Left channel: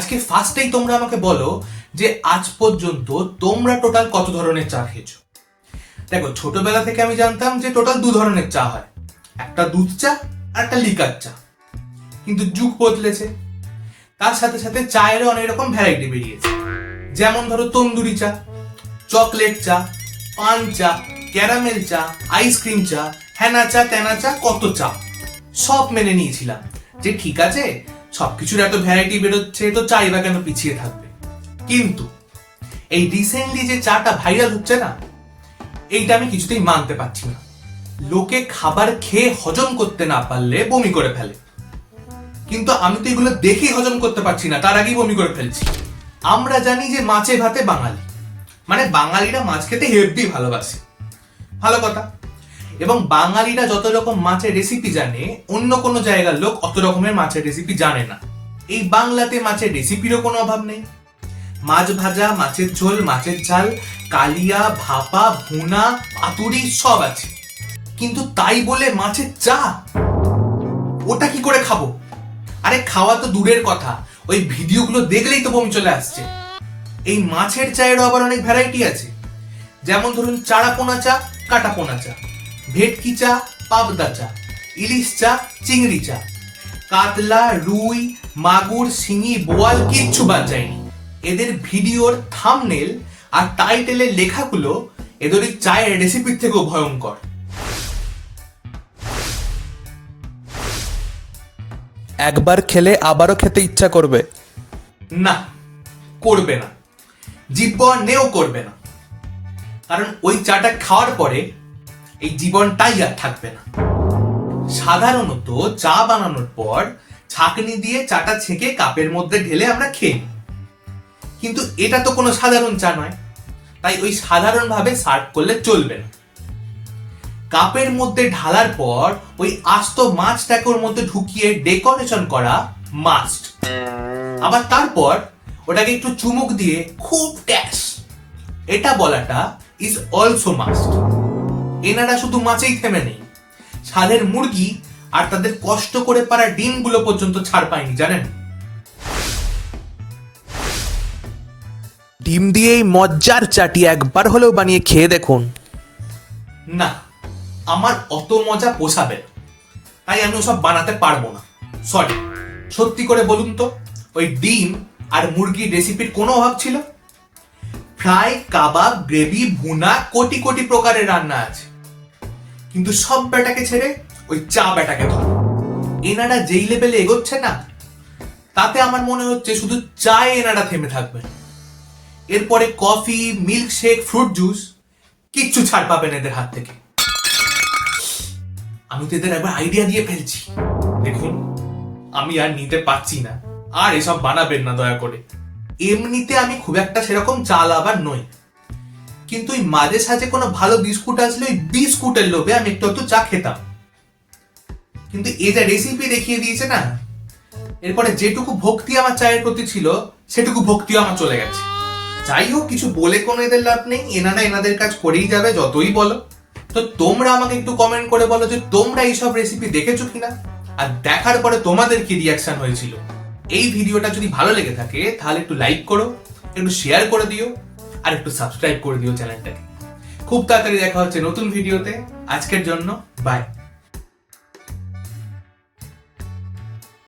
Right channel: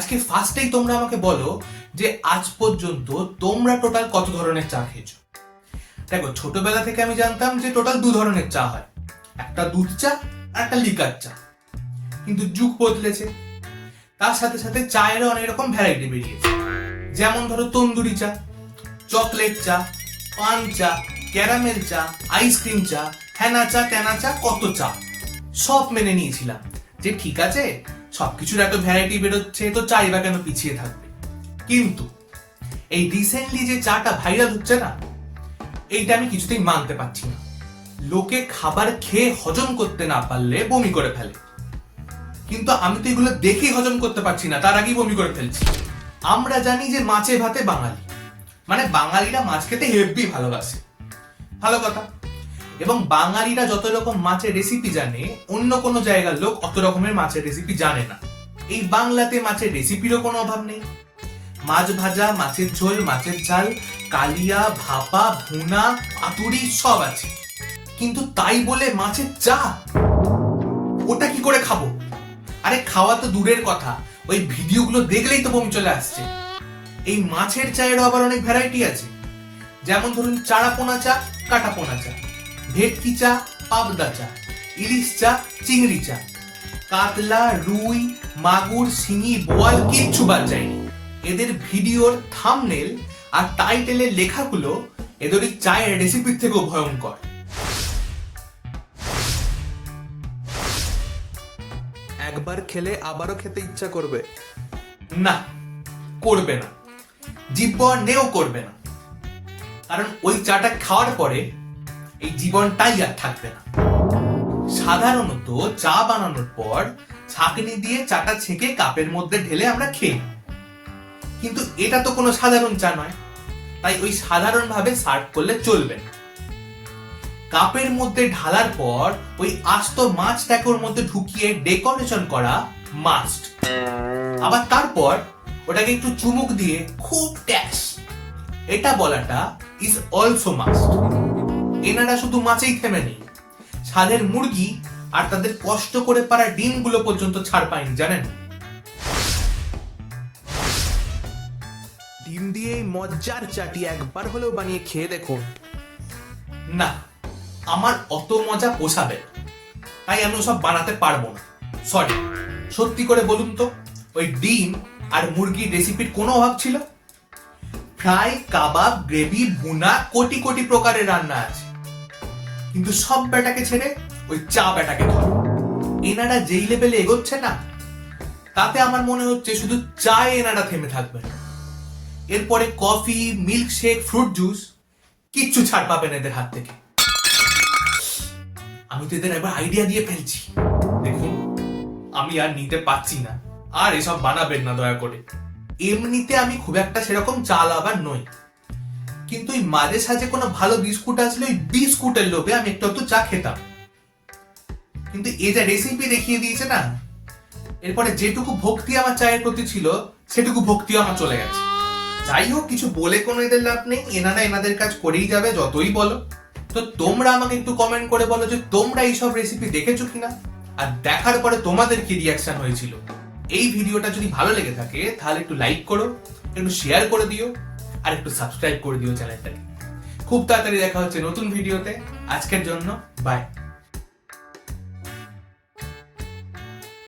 আজকে ফার্স্টেই তোমরা আমাকে বলো যে আজ পর্যন্ত তোমরা টোটাল কত ধরনের চা খেয়েছো? দেখো, ছোটবেলা থেকে আমি জানতাম যে টোটাল দু ধরনের চা হয়। একটা দুধ চা আর একটা লিকার চা। কিন্তু যুগ বদলেছে। তার সাথে সাথে চায়েরও অনেক রকম ভ্যারাইটি বেরিয়েছে। যেমন ধরো তন্দুরি চা চকলেট চা, পান চা ক্যারামেল চা আইসক্রিম চা হ্যানা চা ত্যানা চা, কত চা। সব মেনে নিয়েছিলাম। যে ঠিক আছে সবকিছুর এত ভ্যারাইটি বেরোচ্ছে তো চাই বা কেন পিছিয়ে থাকবে। কিন্তু এই রিসেন্টলি যে চাটা ভাইরাল হচ্ছে না, এইটা আমি কিছুতেই মানতে পারছি না। লোকে খাবার খেয়ে হজম করতে না পারলে বমি করে ফেলে। কিন্তু আমি তো এগুলো দেখেই হজম করতে পারছি না, তার আগেই বমি করে ফেলছি। আমরা জানি যে মাছে ভাতে বাঙালি। মানে বাঙালিরা মাছ খেতে হেভি ভালোবাসে। ভালো কথা। এবং বাঙালিরা যত রকম মাছের রেসিপি জানে, অন্য কোনো জায়গার লোক অত রকমের মাছের রেসিপি জানে না। এই বাংলাতে মাছের রেসিপিরও কোনো অভাব নেই। মাছ ভাজা, মাছের ঝোল, মাছের ঝাল, কালিয়া, ভাপা, ভুনা, পাতুরি সব আছে। কিন্তু তাই বলে মাছের চা? ওটা কি করে খাব? আরে খাওয়া তো দূরের কথা। ওই ভিডিওগুলো দেখলেই তো বমি চলে আসছে। এই মাছের চায়েরও আবার অনেক ভ্যারাইটি আছে। যেমন ধরুন চারা পোনা চা কাটা পোনা চা। ভেটকি চা পাবদা চা ইলিশ চা চিংড়ি চা। কাতলা রুই মাগুর শিঙি বোয়াল কিচ্ছু বাদ যায়নি। এদের ভিডিওর থামনেল আর টাইটেলের লেখাগুলো এদের ওই চায়ের রেসিপির থেকেও ভয়ঙ্কর। একবার খেলে আবারও খেতে ইচ্ছা করবে? না করবে না। জীবন নেও করবে না। কারণ ওই চাটা খাওয়ার পরে এই জীবনটাই আর থাকবে না। সাধারণত চা বানানোর পর ছাঁকনি দিয়ে চাটা ছেঁকে কাপের মধ্যে ঢেলে আমরা খেয়ে কিন্তু এটা তো কোনো সাধারণ চা নয়। তাই ওই সাধারণভাবে সার্ভ করলে চলবে না। কাপের মধ্যে ঢালার পর ওই আস্ত মাছটাকে ওর মধ্যে ঢুকিয়ে ডেকোরেশন করা মাস্ট। আবার তারপর ওটাকে একটু চুমুক দিয়ে খুব ট্যাক্স এটা বলাটা ইজ অলসো মাস্ট এনারা শুধু মাছেই থেমে নেই ছাদের মুরগি আর তাদের কষ্ট করে পারা ডিমগুলো পর্যন্ত ছাড় পায়নি জানেন? ডিম দিয়ে এই মজ্জার চাটি একবার হলেও বানিয়ে খেয়ে দেখুন। না আমার অত মজা পোষাবে তাই আমি ওসব বানাতে পারব না। সরি সত্যি করে বলুন তো ওই ডিম আর মুরগির রেসিপির কোনো অভাব ছিল? ফ্রাই কাবাব গ্রেভি ভুনা কোটি কোটি প্রকারের রান্না আছে। কিন্তু সব ব্যাটাকে ছেড়ে ওই চা ব্যাটাকে ধর। এনারা যেই লেভেলে এগোচ্ছে না, তাতে আমার মনে হচ্ছে শুধু চায় এনারা থেমে থাকবে। এরপরে coffee milk shake fruit juice কিচ্ছু ছাড় পাবেন এদের হাত থেকে। আমি তো এদের একবার আইডিয়া দিয়ে ফেলছি। দেখুন, আমি আর নিতে পারছি না। আর এসব বানাবেন না দয়া করে। এমনিতে আমি খুব একটা সেরকম চাল আবার নই। কিন্তু ওই মাঝে সাঝে কোনো ভালো বিস্কুট আসলে ওই বিস্কুটের লোভে আমি একটু একটু চা খেতাম। কিন্তু এ যা রেসিপি দেখিয়ে দিয়েছে না, এরপরে যেটুকু ভক্তি আমার চায়ের প্রতি ছিল, সেটুকু ভক্তি আমার চলে গেছে। যাই হোক, কিছু বলে কোনো এদের লাভ নেই, এনারা এনাদের কাজ করেই যাবে, যতই বলো। তো তোমরা আমাকে একটু কমেন্ট করে বলো যে তোমরা এইসব রেসিপি দেখেছ কিনা? আর দেখার পরে তোমাদের কি রিয়াকশন হয়েছিল? এই ভিডিওটা যদি ভালো লেগে থাকে, তাহলে একটু লাইক করো, একটু শেয়ার করে দিও। আর একটু সাবস্ক্রাইব করে দিও চ্যানেলটাকে খুব তাড়াতাড়ি দেখা হচ্ছে নতুন ভিডিওতে আজকের জন্য বাই